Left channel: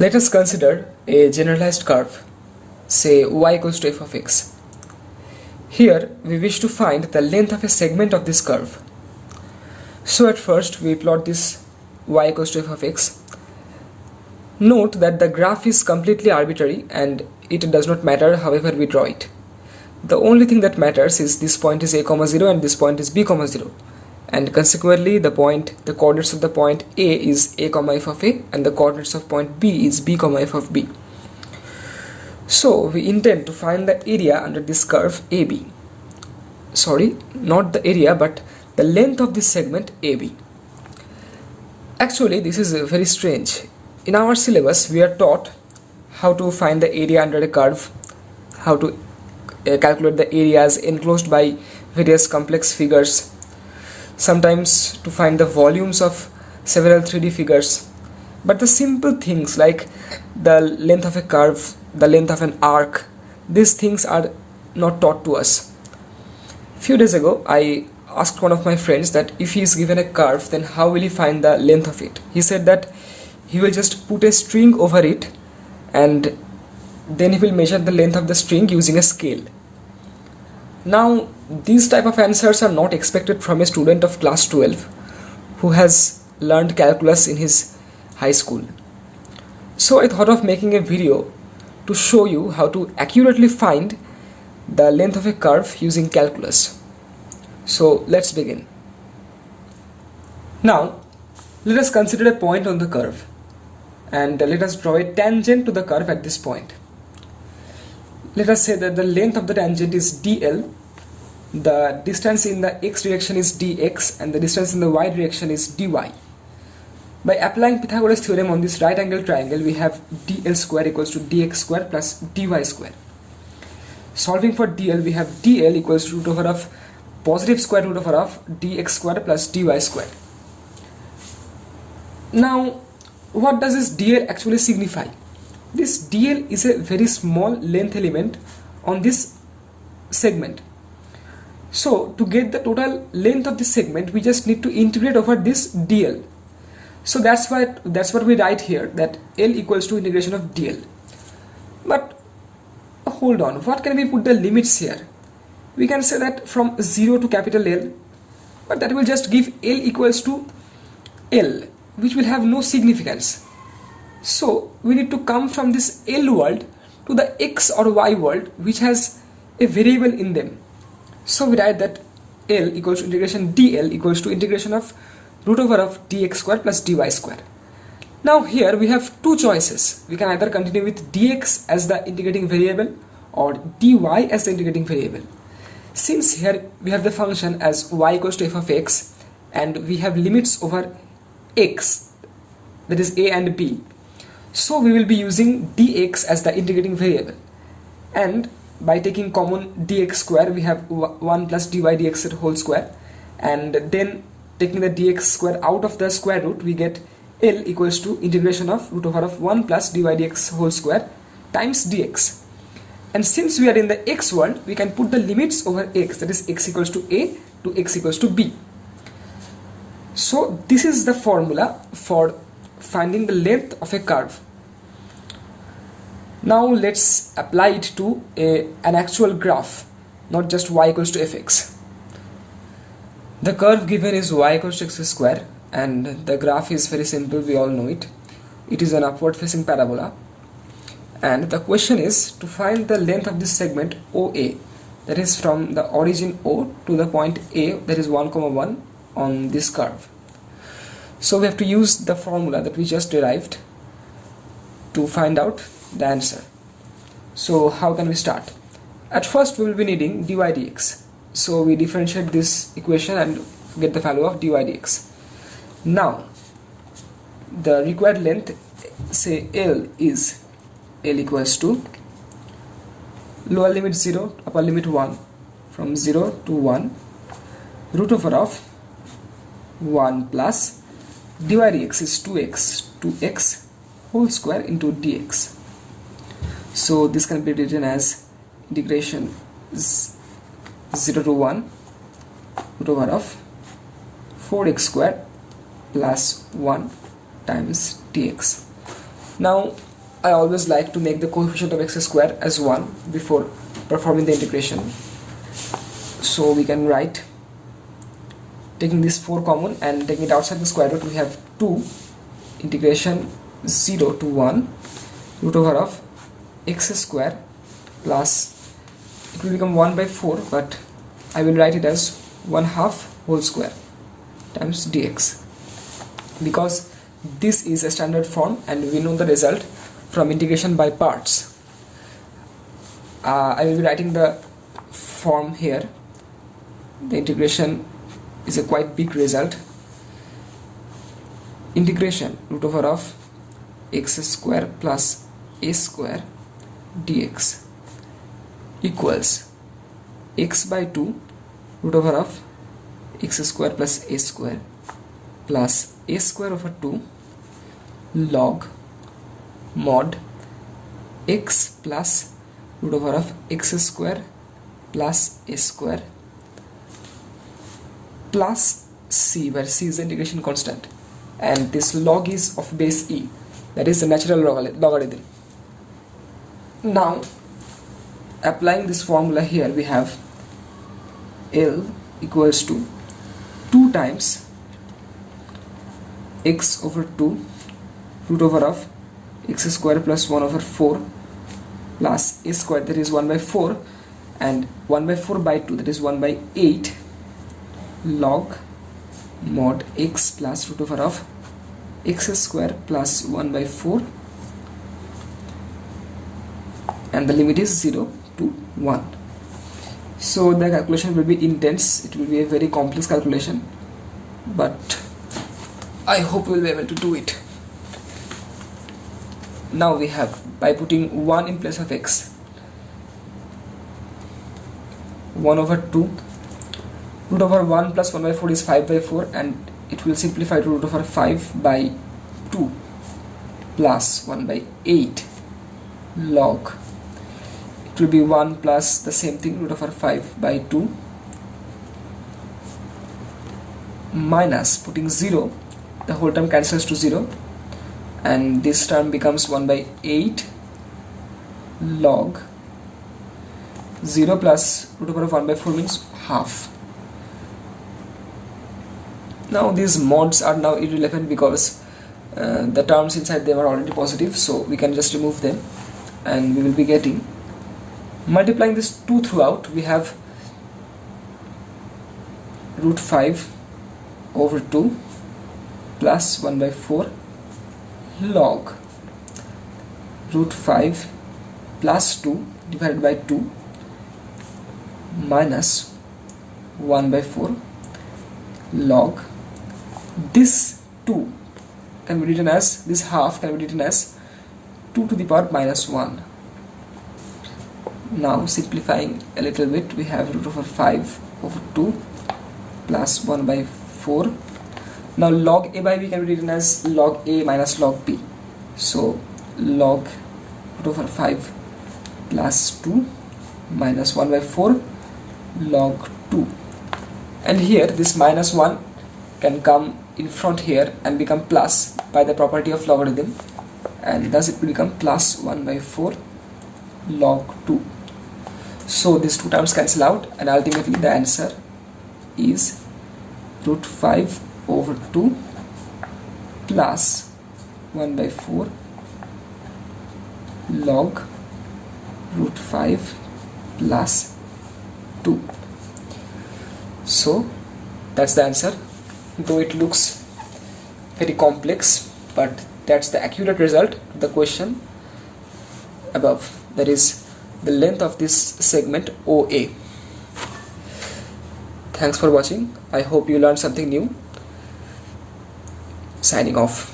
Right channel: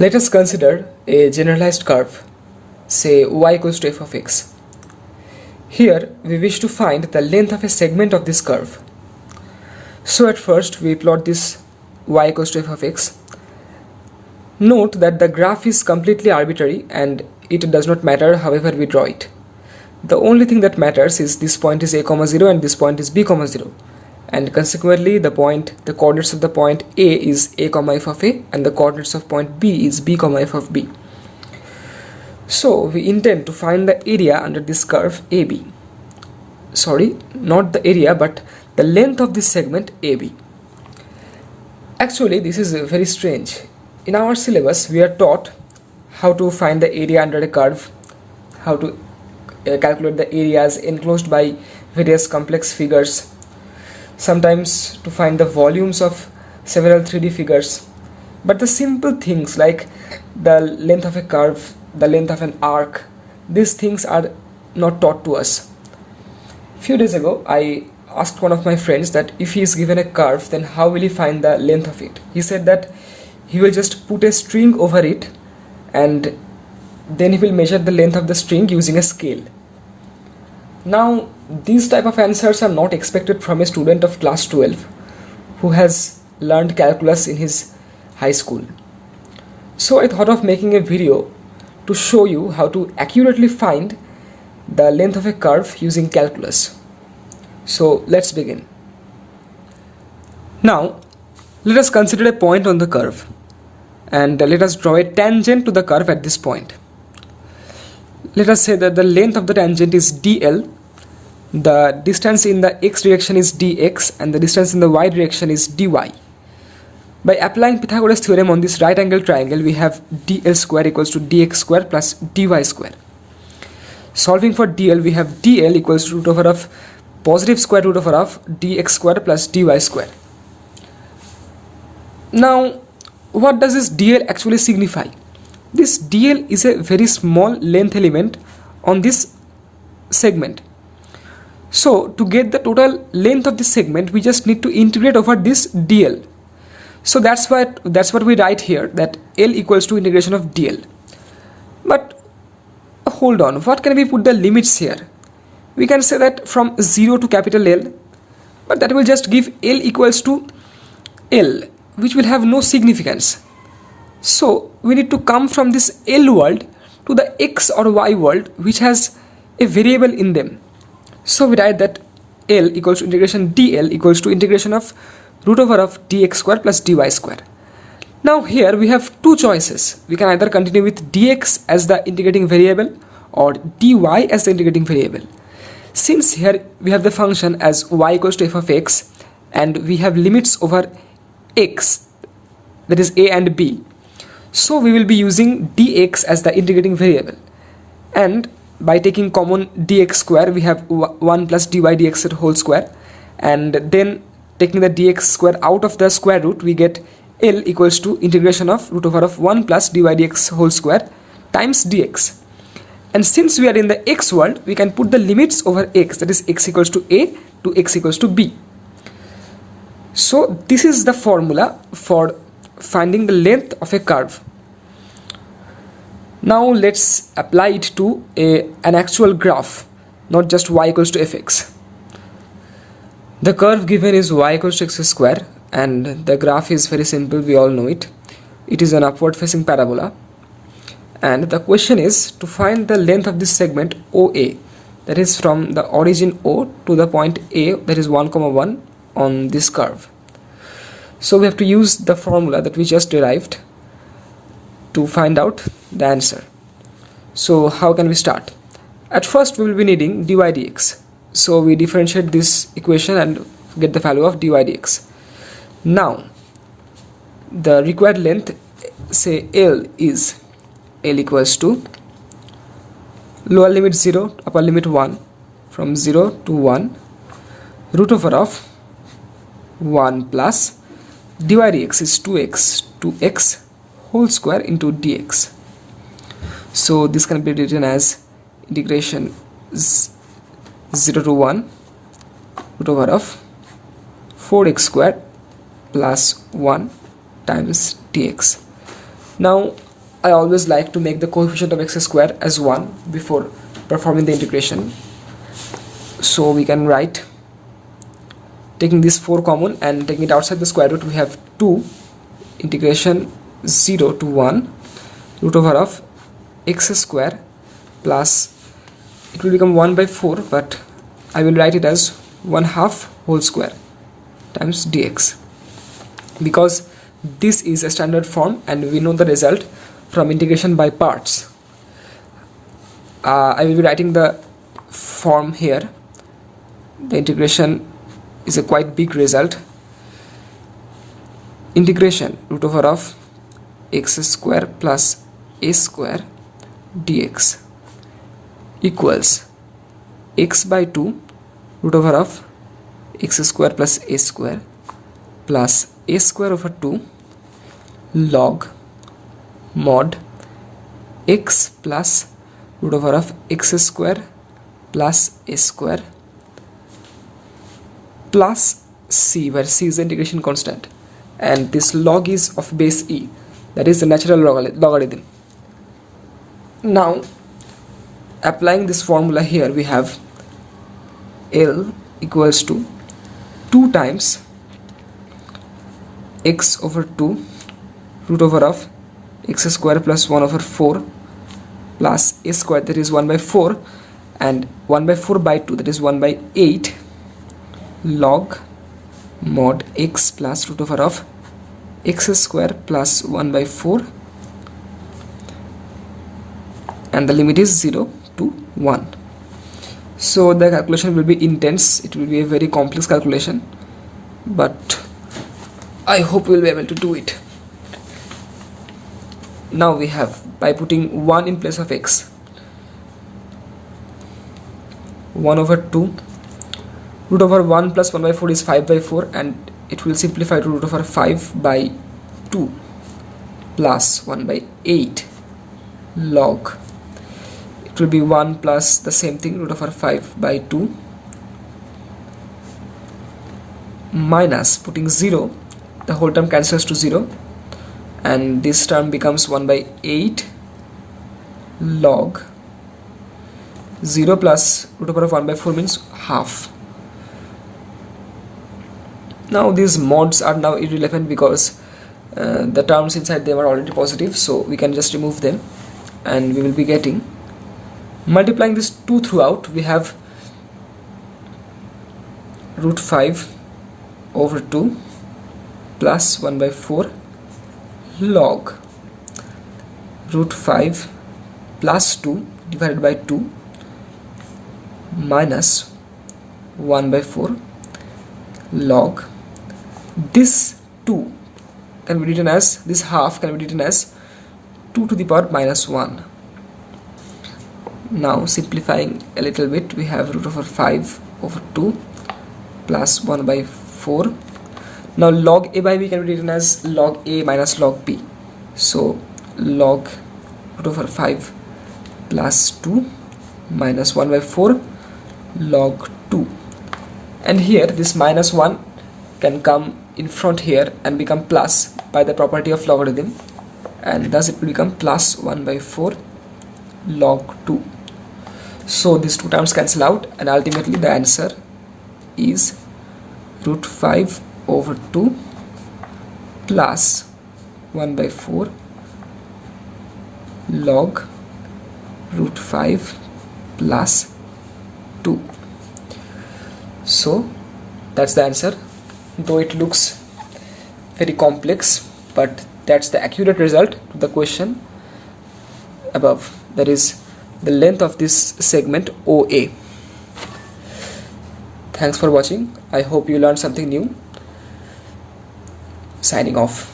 Let us consider a generalized curve, say y equals to f of x. Here we wish to find the length of a segment of this curve. So at first we plot this y equals to f of x. Note that the graph is completely arbitrary and it does not matter however we draw it. The only thing that matters is this point is a comma 0 and this point is b comma 0. And consequently the coordinates of the point A is a comma f of a and the coordinates of point B is b comma f of b. So we intend to find the area under this curve AB. Sorry, not the area but the length of this segment AB. Actually this is very strange. In our syllabus we are taught how to find the area under a curve, how to calculate the areas enclosed by various complex figures, sometimes to find the volumes of several 3D figures. But the simple things like the length of a curve, the length of an arc, these things are not taught to us. Few days ago I asked one of my friends that if he is given a curve, then how will he find the length of it? He said that he will just put a string over it and then he will measure the length of the string using a scale. Now these type of answers are not expected from a student of class 12 who has learned calculus in his high school. So I thought of making a video to show you how to accurately find the length of a curve using calculus. So let's begin. Now let us consider a point on the curve and let us draw a tangent to the curve at this point. Let us say that the length of the tangent is dl, the distance in the x direction is dx and the distance in the y direction is dy. By applying Pythagoras theorem on this right angle triangle, we have dl square equals to dx square plus dy square. Solving for dl, we have dl equals to root over of positive square root over of dx square plus dy square. Now what does this dl actually signify? This dl is a very small length element on this segment. So to get the total length of this segment, we just need to integrate over this dl. So that's what we write here, that L equals to integration of dl. But hold on, what can we put the limits here? We can say that from 0 to capital L, but that will just give L equals to L, which will have no significance. So we need to come from this L world to the X or Y world which has a variable in them. So we write that L equals to integration dl equals to integration of root over of dx square plus dy square. Now here we have two choices. We can either continue with dx as the integrating variable or dy as the integrating variable. Since here we have the function as y equals to f of x and we have limits over x, that is a and b, so we will be using dx as the integrating variable, and by taking common dx square we have 1 plus dy dx whole square, and then taking the dx square out of the square root we get L equals to integration of root over of 1 plus dy dx whole square times dx. And since we are in the x world, we can put the limits over x, that is x equals to a to x equals to b. So this is the formula for finding the length of a curve. Now let's apply it to an actual graph, not just y equals to fx. The curve given is y equals to x square and the graph is very simple, we all know it. It is an upward facing parabola and the question is to find the length of this segment OA, that is from the origin O to the point A, that is 1, 1 on this curve. So we have to use the formula that we just derived to find out the answer. So how can we start? At first we will be needing dy dx. So we differentiate this equation and get the value of dy dx. Now the required length, say L, is L equals to lower limit 0, upper limit 1, from 0 to 1, root over of 1 plus dy dx is 2x to x whole square into dx. So this can be written as integration 0 to 1 root over of 4x squared plus 1 times dx. Now I always like to make the coefficient of x square as 1 before performing the integration. So we can write, taking this 4 common and taking it outside the square root, we have 2 integration 0 to 1 root over of x square plus, it will become 1 by 4, but I will write it as 1/2 whole square times dx, because this is a standard form and we know the result from integration by parts. I will be writing the form here. The integration is a quite big result. Integration root over of x square plus a square dx equals x by 2 root over of x square plus a square plus a square over 2 log mod x plus root over of x square plus a square plus c, where c is the integration constant, and this log is of base e, that is the natural logarithm. Now applying this formula here, we have L equals to 2 times x over 2 root over of x square plus 1 over 4 plus a square, that is 1 by 4, and 1 by 4 by 2, that is 1 by 8 log mod x plus root over of x square plus 1 by 4, and the limit is 0 to 1. So the calculation will be intense, it will be a very complex calculation, but I hope we will be able to do it. Now we have, by putting 1 in place of x, 1 over 2 root over 1 plus 1 by 4 is 5 by 4, and it will simplify to root over 5 by 2 plus 1 by 8 log, it will be 1 plus the same thing root over 5 by 2 minus, putting 0, the whole term cancels to 0, and this term becomes 1 by 8 log 0 plus root over of 1 by 4 means half. Now these mods are now irrelevant because the terms inside them are already positive, so we can just remove them, and we will be getting, multiplying this 2 throughout, we have root 5 over 2 plus 1 by 4 log root 5 plus 2 divided by 2 minus 1 by 4 log, this 2 can be written as, this half can be written as 2 to the power minus 1. Now simplifying a little bit, we have root over 5 over 2 plus 1 by 4. Now log a by b can be written as log a minus log b. So log root over 5 plus 2 minus 1 by 4 log 2. And here this minus 1 can come in front here and become plus by the property of logarithm, and thus it will become plus 1 by 4 log 2. So these two terms cancel out, and ultimately the answer is root 5 over 2 plus 1 by 4 log root 5 plus 2. So that's the answer, though it looks very complex, but that's the accurate result to the question above, that is the length of this segment OA. Thanks for watching. I hope you learned something new. Signing off.